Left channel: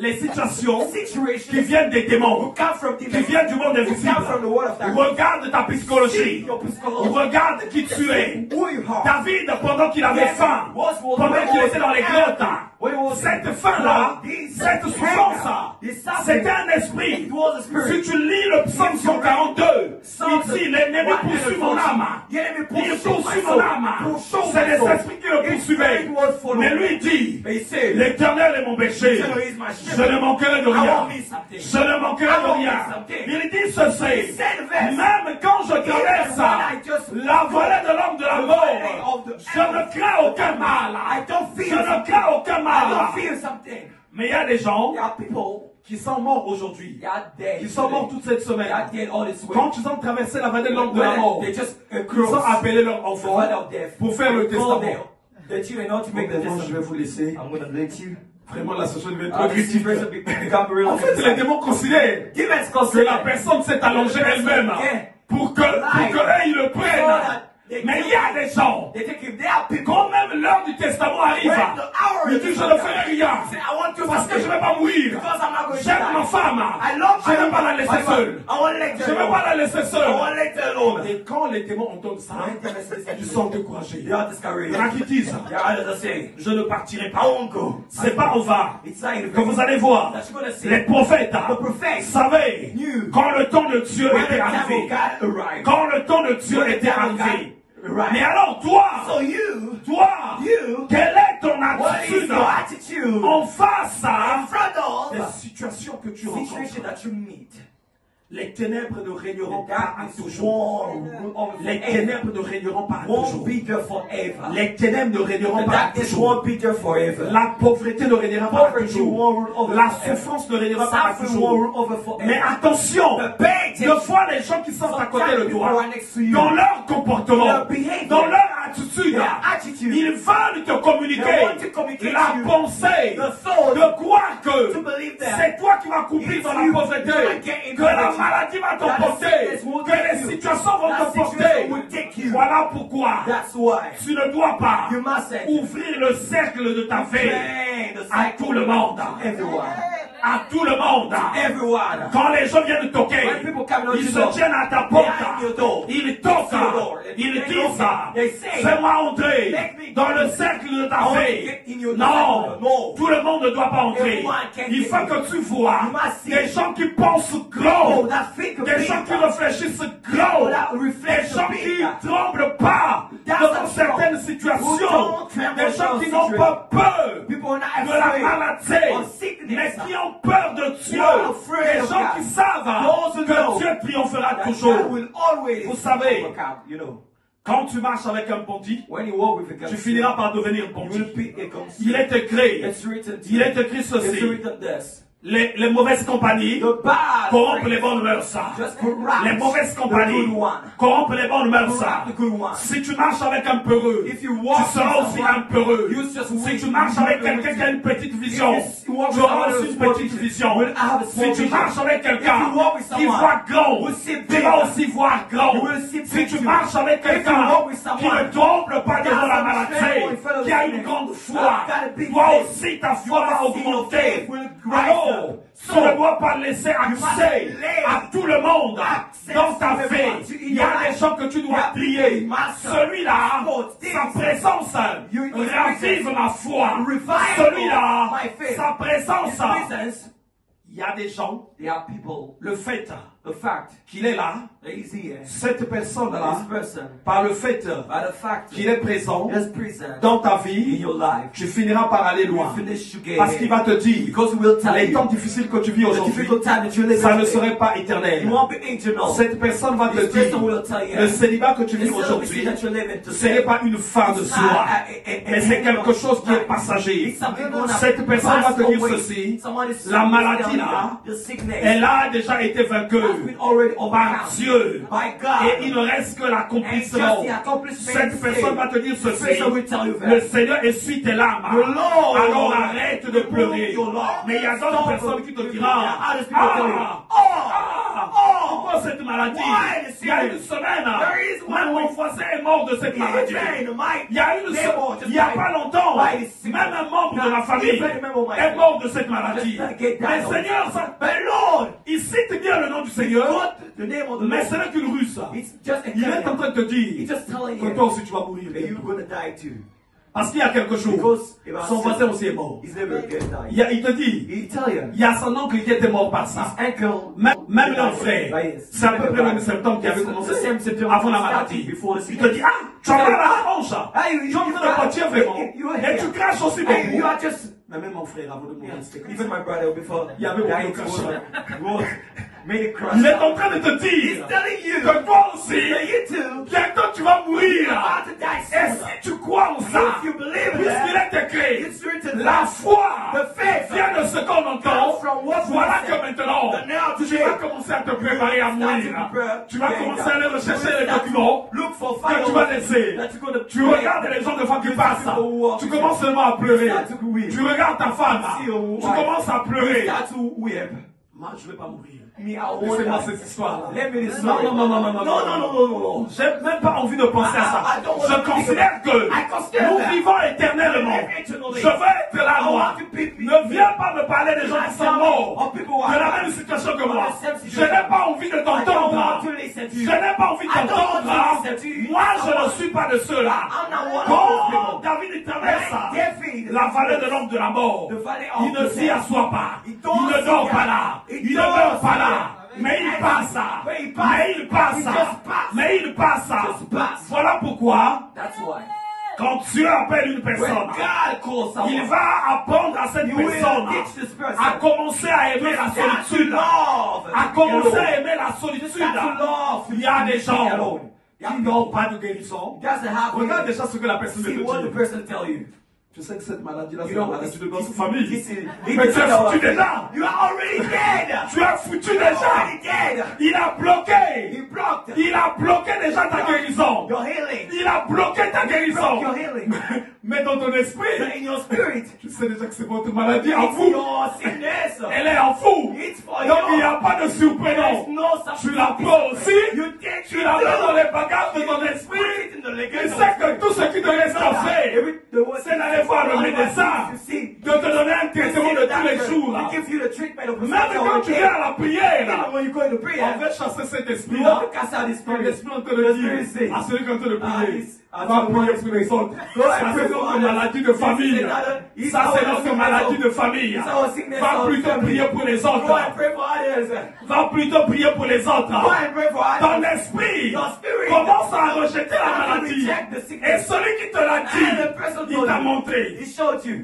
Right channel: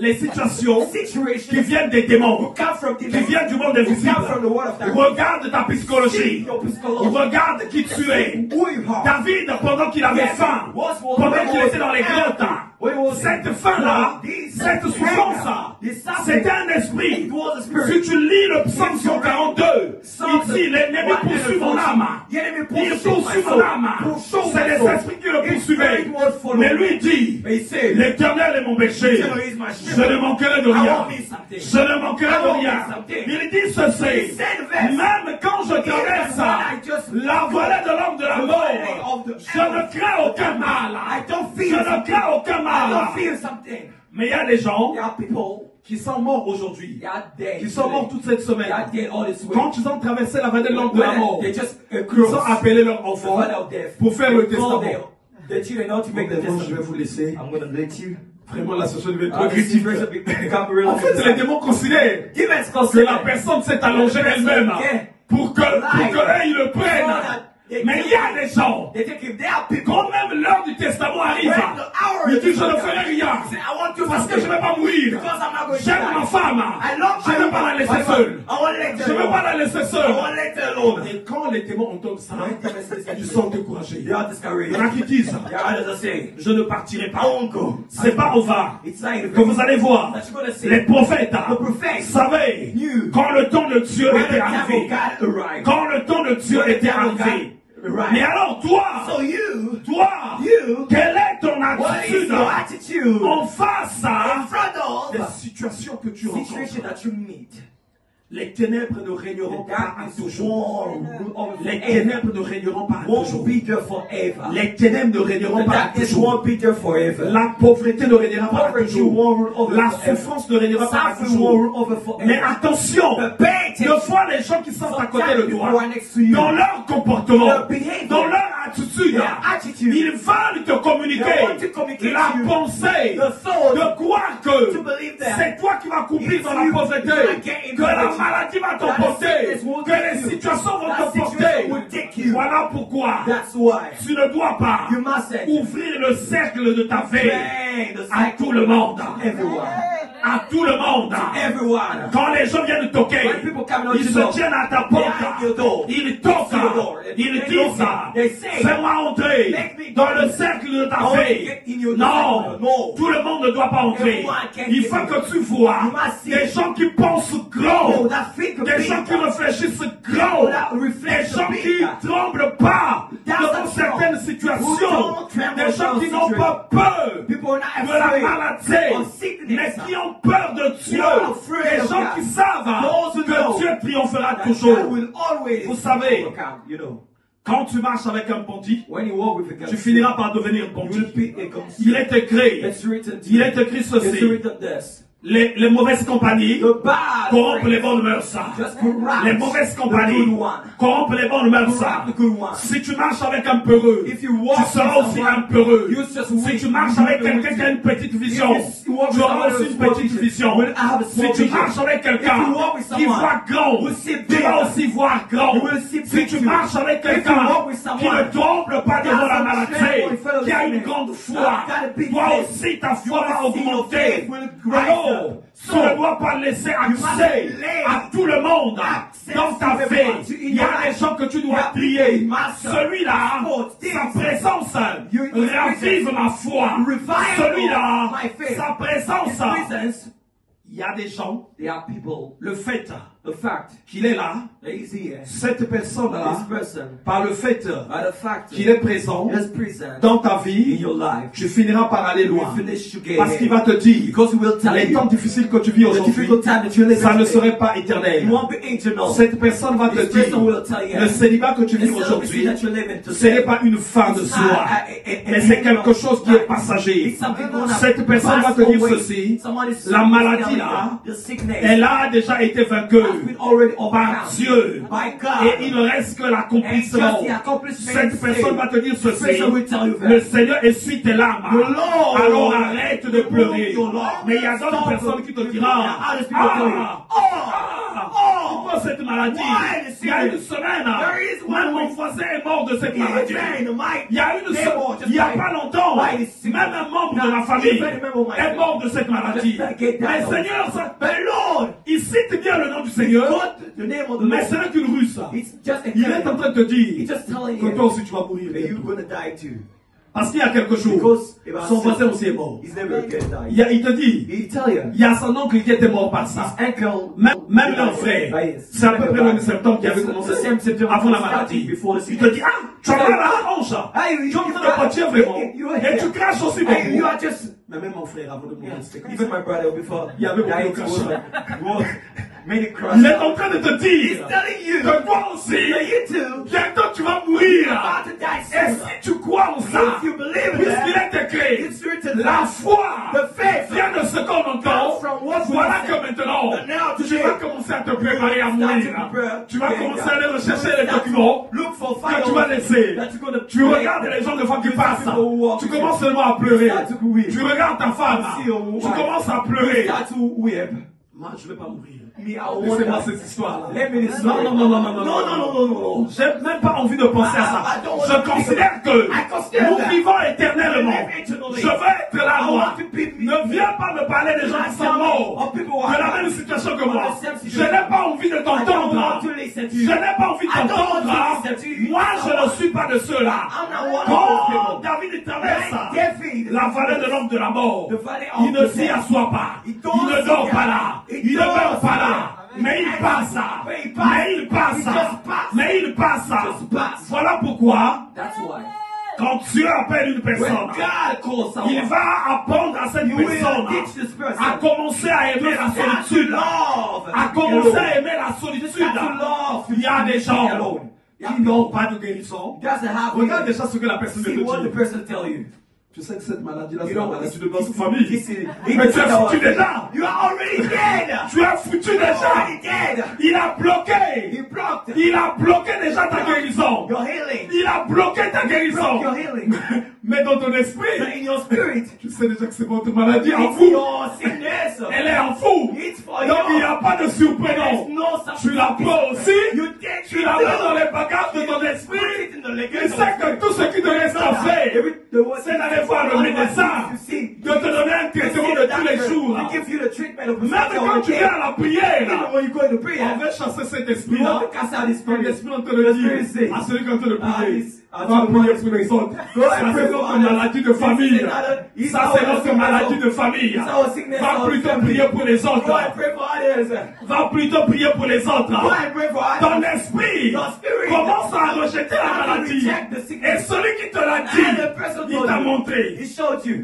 Les situations qui viennent des démons, qui viennent du monde invisible, regarde ta psychologie, regarde qui tu es. David, pendant qu'il avait faim, pendant qu'il était dans les grottes, cette faim-là, cette souffrance-là, c'était un esprit. Si tu lis le psaume 142, il dit, l'ennemi poursuit mon âme. Il poursuit mon âme. C'est les esprits qui le poursuivaient. Mais lui dit, l'Éternel est mon berger. Je ne manquerai de rien. Je ne manquerai de rien. Il dit ceci. Même quand je traverse la vallée de l'homme de la mort, je ne crains aucun mal. Je ne crains aucun mal. Mais il y a des gens qui sont morts aujourd'hui, qui sont morts toute cette semaine. Quand ils ont traversé la vallée de l'homme de la mort, ils ont appelé leur enfant pour faire le testament. Je vais vous laisser. Vraiment, la société devient trop critique. En fait, les démons considèrent que la personne s'est allongée elle-même pour que ils le prennent. Mais il y a des gens, quand même l'heure du testament arrive, ils disent je ne ferai rien, parce que je ne vais pas mourir. J'aime ma femme, je ne vais pas la laisser seule. Je ne vais pas la laisser seule. Et quand les démons entendent ça, ils sont découragés. Il y en a qui disent, je ne partirai pas. C'est pas au va que vous allez voir. Les prophètes savaient quand le temps de Dieu était arrivé. Quand le temps de Dieu était arrivé. Mais alors toi, quelle est ton attitude en face des situations que tu rencontres? Les ténèbres ne régneront pas toujours. Les ténèbres ne régneront pas toujours. Les ténèbres ne régneront pas toujours. La pauvreté ne régnera pas toujours. La souffrance ne régnera pas toujours. Mais attention, de fois les gens qui sont à côté de toi, dans leur comportement, dans leur attitude, ils veulent te communiquer la pensée de croire que c'est toi qui vas couper dans la pauvreté, que la maladie va te porter, que les situations vont te porter. Voilà pourquoi tu ne dois pas ouvrir le cercle de ta vie à tout le monde. À tout le monde. Quand les gens viennent toquer, ils se tiennent à ta porte, ils toquent, ils disent, fais-moi entrer dans le cercle de ta vie. Non, tout le monde ne doit pas entrer. Il faut que tu vois des gens qui pensent gros, des gens qui réfléchissent gros, des gens qui ne tremblent pas devant certaines situations, des gens qui n'ont pas peur de la maladie, mais qui ont peur de Dieu, des gens qui savent que Dieu triomphera toujours. Vous savez, quand tu marches avec un bandit, tu finiras par devenir bandit. Il est écrit ceci. Les mauvaises compagnies corrompent les bonnes mœurs. Les mauvaises compagnies corrompent les bonnes mœurs. Si tu marches avec un peureux, tu seras aussi un peureux. Si tu marches avec quelqu'un qui a une petite vision, tu auras aussi une petite vision. Si tu marches avec quelqu'un qui voit grand, tu vas aussi voir grand. Si tu marches avec quelqu'un qui ne tremble pas devant la maladie, qui a une grande foi, toi aussi ta foi va augmenter. Tu ne dois pas laisser accès à tout le monde dans ta vie. Il y a des gens que tu dois prier. Celui-là, sa présence réactive ma foi. Celui-là, sa présence. Il y a des gens, le fait qu'il est là, cette personne-là, par le fait qu'il est présent dans ta vie, tu finiras par aller loin. Parce qu'il va te dire, les temps difficiles que tu vis aujourd'hui, ça ne serait pas éternel. Cette personne va te dire, le célibat que tu vis aujourd'hui, ce n'est pas une fin de soi, mais c'est quelque chose qui est passager. Cette personne va te dire ceci, la maladie là, elle a déjà été vaincue par Dieu. Et il ne reste que l'accomplissement. Cette personne va te dire ceci. Le Seigneur essuie tes larmes. Alors arrête de pleurer. Mais il y a d'autres personnes qui te diront, encore cette maladie? Il y a une semaine, même mon voisin est mort de cette maladie. Il y a pas longtemps, même un membre de ma famille est mort de cette maladie. Mais Seigneur, il cite bien le nom du Seigneur, mais ce n'est qu'une ruse. Il est en train de te dire que toi aussi tu vas mourir. Parce qu'il y a quelque chose. Son voisin aussi est mort. Il te dit, il y a son oncle qui était mort par ça. Même mon frère, c'est à peu près le même symptôme qui avait commencé avant la maladie. Il te dit, ah, tu as la hanche. Tu as la voiture vraiment. Et tu craches aussi beaucoup. Mais même mon frère, avant de mourir, il y avait beaucoup de craches. Il est en train de te dire que toi aussi, bientôt tu vas mourir. Et si tu crois en ça, puisqu'il est écrit, la foi vient de ce qu'on entend. Voilà que maintenant, tu vas commencer à te préparer à mourir. Tu vas commencer à aller rechercher les documents que tu vas laisser. Tu regardes les gens de fois qui passent. Tu commences seulement à pleurer. Tu regardes ta femme. Tu commences à pleurer. Moi, je ne vais pas mourir. Laissez-moi cette histoire. Non. J'ai même pas envie de penser à ça. Je considère que nous vivons éternellement. Je veux être là, moi. Ne viens pas me parler des gens qui sont morts, de la même situation que moi. Je n'ai pas envie de t'entendre. Je n'ai pas envie de t'entendre. Moi, je ne suis pas de ceux-là. Quand David traverse la vallée de l'homme de la mort, il ne s'y assoit pas. Il ne dort pas là. Il ne meurt pas là. Mais il passe. Voilà pourquoi, quand Dieu appelle une personne, il va apprendre à cette personne à commencer à aimer la solitude. À commencer à aimer la solitude. Il y a des gens qui n'ont pas de guérison. Regarde déjà ce que la personne veut dire. Je sais que cette maladie-là, c'est la maladie de notre famille. Mais tu es foutu déjà. Tu es foutu déjà. Il a bloqué déjà ta guérison. Il a bloqué ta guérison. Mais dans ton esprit, tu sais déjà que c'est votre maladie en vous. Elle est en vous. Donc il n'y a pas de surprenant. Tu la prends aussi. Tu la prends dans les bagages de ton esprit. Et sais que tout ce qui te reste à faire, c'est d'aller voir le médecin, de te donner un traitement de tous les jours. Même quand tu viens à la prière, on veut chasser cet esprit-là. L'esprit, on te le dit à celui qui est en train de prier. Avant de prier pour les autres. Ça, c'est notre maladie de famille. Ça, c'est notre maladie de famille. Va plutôt prier pour les autres. Va plutôt prier pour les autres. Ton esprit commence à rejeter la maladie. Et celui qui te l'a dit, il t'a montré.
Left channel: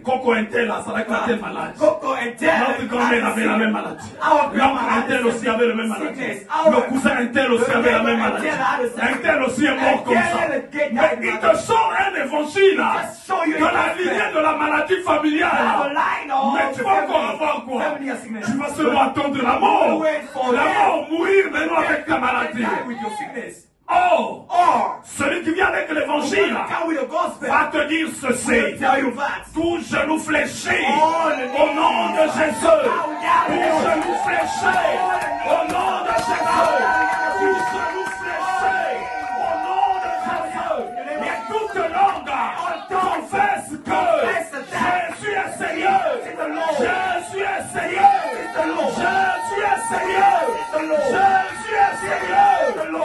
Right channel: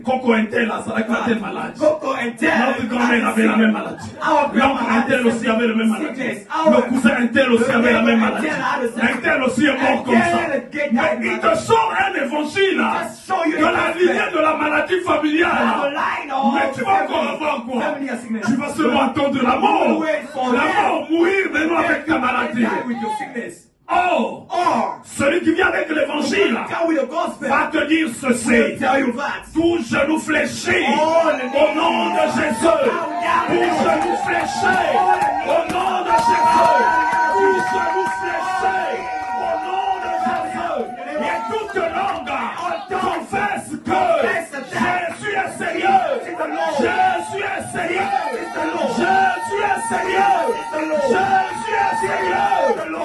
Coco Intel, ça va être telle maladie. Notre grand-mère avait la même maladie. L'oncle Intel aussi avait la même maladie. Le cousin Intel aussi avait la même maladie. Intel aussi est mort comme ça. Il te sort un évangile de la vie de la maladie familiale. Mais tu vas encore avoir quoi? Tu vas seulement attendre la mort. La mort, mourir, mais non avec ta maladie. Or, celui qui vient avec l'évangile va te dire ceci. Tout genou fléchi au nom de Jésus. Tout genou fléchi au nom de Jésus. Tout genou fléchi au nom de Jésus. Et toute langue confesse que Jésus est sérieux. Jésus est sérieux. Jésus est sérieux. Jésus est sérieux.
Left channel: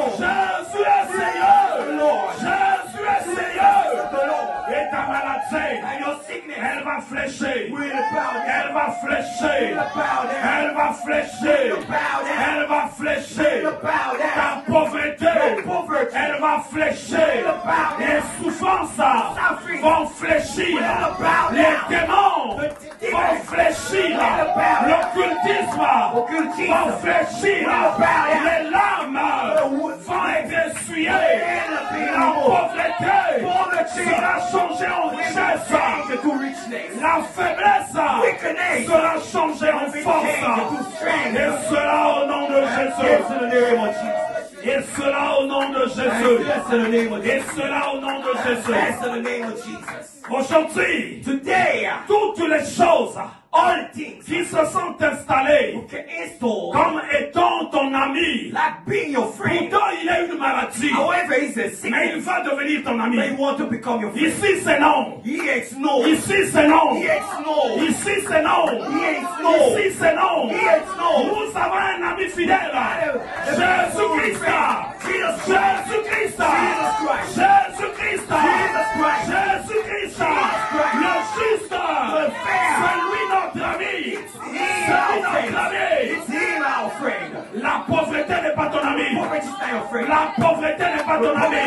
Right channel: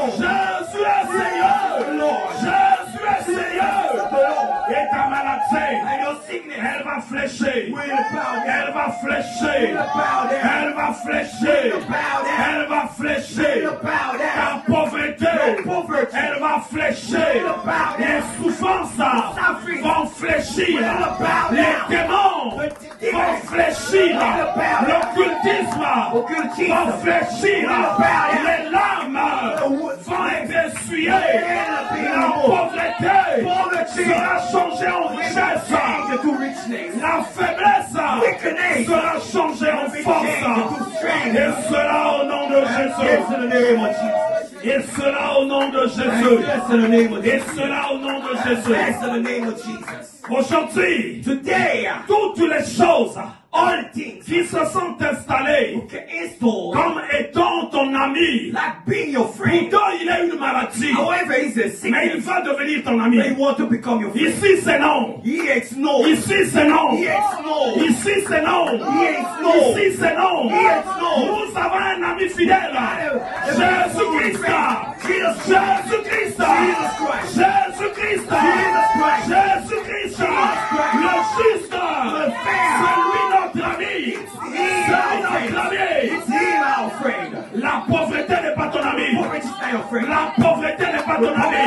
Jésus est sérieux. Jésus est sérieux. Et ta maladie, elle va flécher. Elle va flécher. Elle va flécher. Elle va flécher. Ta pauvreté, elle va flécher. Les souffrances vont fléchir. Les démons vont fléchir. L'occultisme va fléchir. Les larmes vont être essuyées. La pauvreté sera changée en richesse. La faiblesse sera changée en force. Et cela au nom de Jésus. Et cela au nom de Jésus. Et cela au nom de Jésus. Aujourd'hui, toutes les choses qui se sont installées comme étant ton ami. Like being your friend. Pourtant, il a une maladie. However, he's a sick Mais il man. va devenir ton ami. He wants to become your friend. Ici, c'est non. He hates no. Ici, c'est non. He hates no. Ici, c'est non. He hates no. Ici, c'est non. He hates no. Nous avons un ami fidèle. Jésus-Christ. Jésus-Christ. Jésus-Christ. Jésus-Christ. Le juste. C'est lui notre ami. C'est notre ami. La pauvreté n'est pas ton ami. La pauvreté n'est pas ton ami.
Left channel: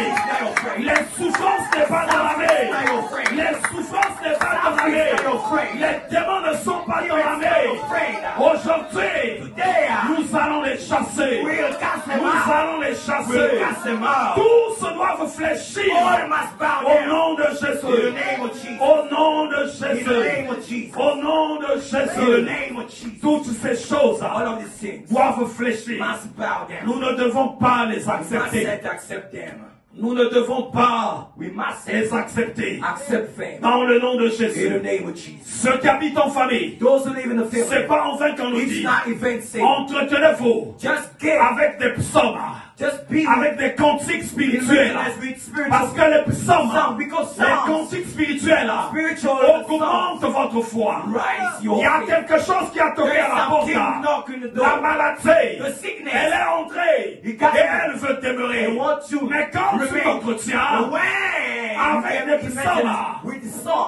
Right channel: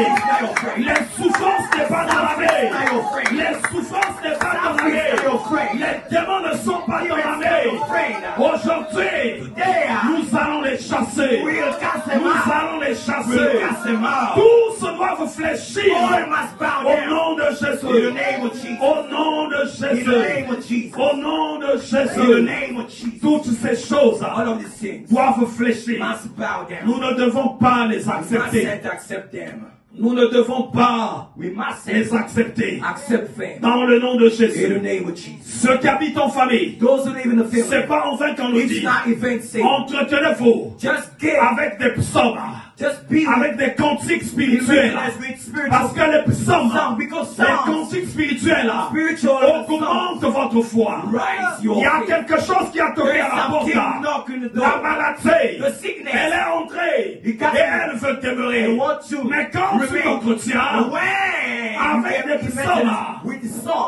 Les souffrances n'est pas ton ami. Les souffrances n'est pas ton ami. Les démons ne sont pas ton ami. Aujourd'hui, nous allons les chasser. Nous allons les chasser. Tous doivent fléchir au nom de Jésus. Au nom de Jésus. Au nom de Jésus. Toutes ces choses doivent fléchir. Nous ne devons pas les accepter. Nous ne devons pas les accepter. Dans le nom de Jésus. Ceux qui habitent en famille, c'est pas en vain qu'on nous dit. Entretenez-vous avec des psaumes, avec des cantiques spirituels. Parce que les psaumes, les cantiques spirituels, augmentent votre foi. Il y a quelque chose qui a toqué à la porte. La maladie, elle est entrée et elle veut demeurer. Mais quand tu t'entretiens avec les psaumes,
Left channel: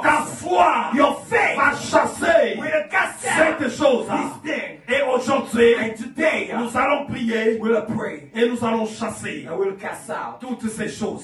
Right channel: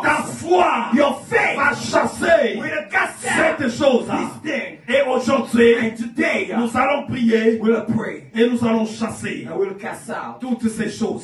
ta foi va chasser cette chose. Et aujourd'hui, nous allons prier et nous allons chasser toutes ces choses.